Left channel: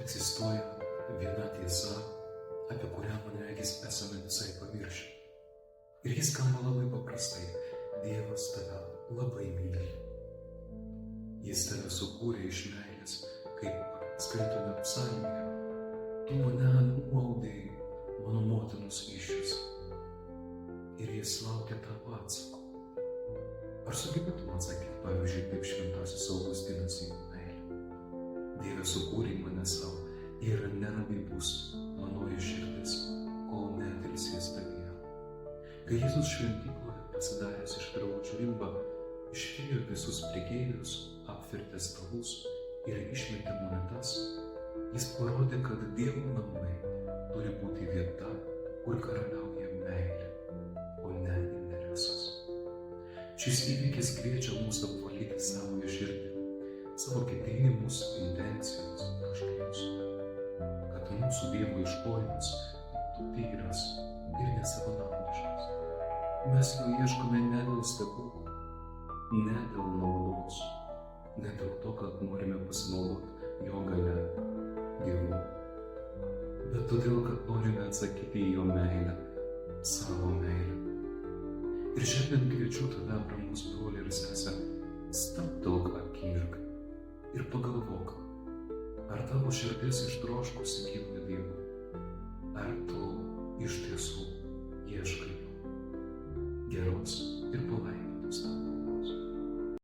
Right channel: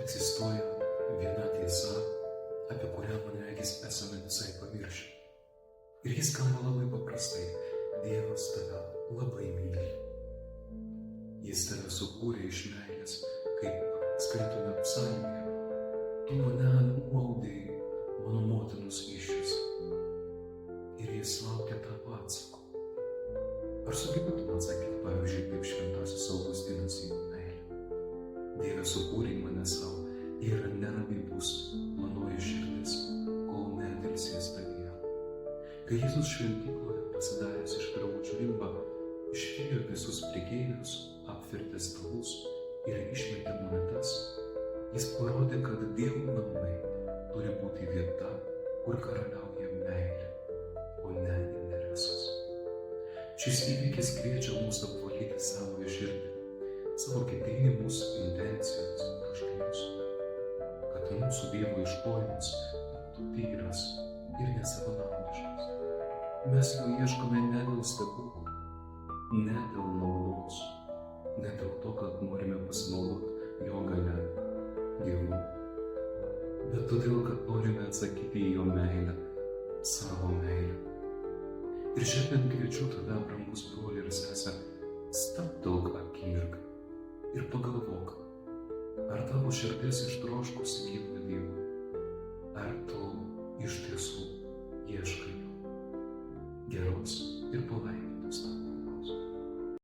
Egzistuoja viena tiesa, apie kurią, man regis, esame visai pamiršę. Ir jis skamba labai paprastai. Dievas tave labai myli. Jis tave sukūrė iš meilės, kaip skaitome psalmėje. Tu mane nuaudei mano motinos įsčiose. Ir jis laukia tavo atsako. Ar sugebėtum atsakyti, pavyzdžiui, kaip šventasis Augustinas į meilę? Dieve, sukūrei mane savo ir nerami bus manoji širdis, kol neatilsės tavyje. Kai Jėzus šventykloje pasidaręs iš virvučių rimbą, išvijo visus prekeivius, apvertė stalus ir išmetė monetas, jis parodė, kad Dievo namai turi būti vieta, kur karaliauja meilė, o ne interesas. Šis įvykis kviečia mus apvalyti savo širdį, savo ketinimus, intencijas, troškimus, kad mūsų Dievo ieškojimas būtų tyras ir nesavanaudiškas. Mes jo ieškome ne dėl stebuklų, ne dėl naudos, ne dėl to, kad norime pasinaudoti jo galia, Dievu, bet todėl, kad norime atsakyti į jo meilę, savo meilę. Ir šiandien kviečiu tave, brangus broli ir sese, stabtelk akimirką ir pagalvok, ar tavo širdis ištroškusi gyvo Dievo, ar tu iš tiesų ieškai jo. Geros ir palaimintos tau.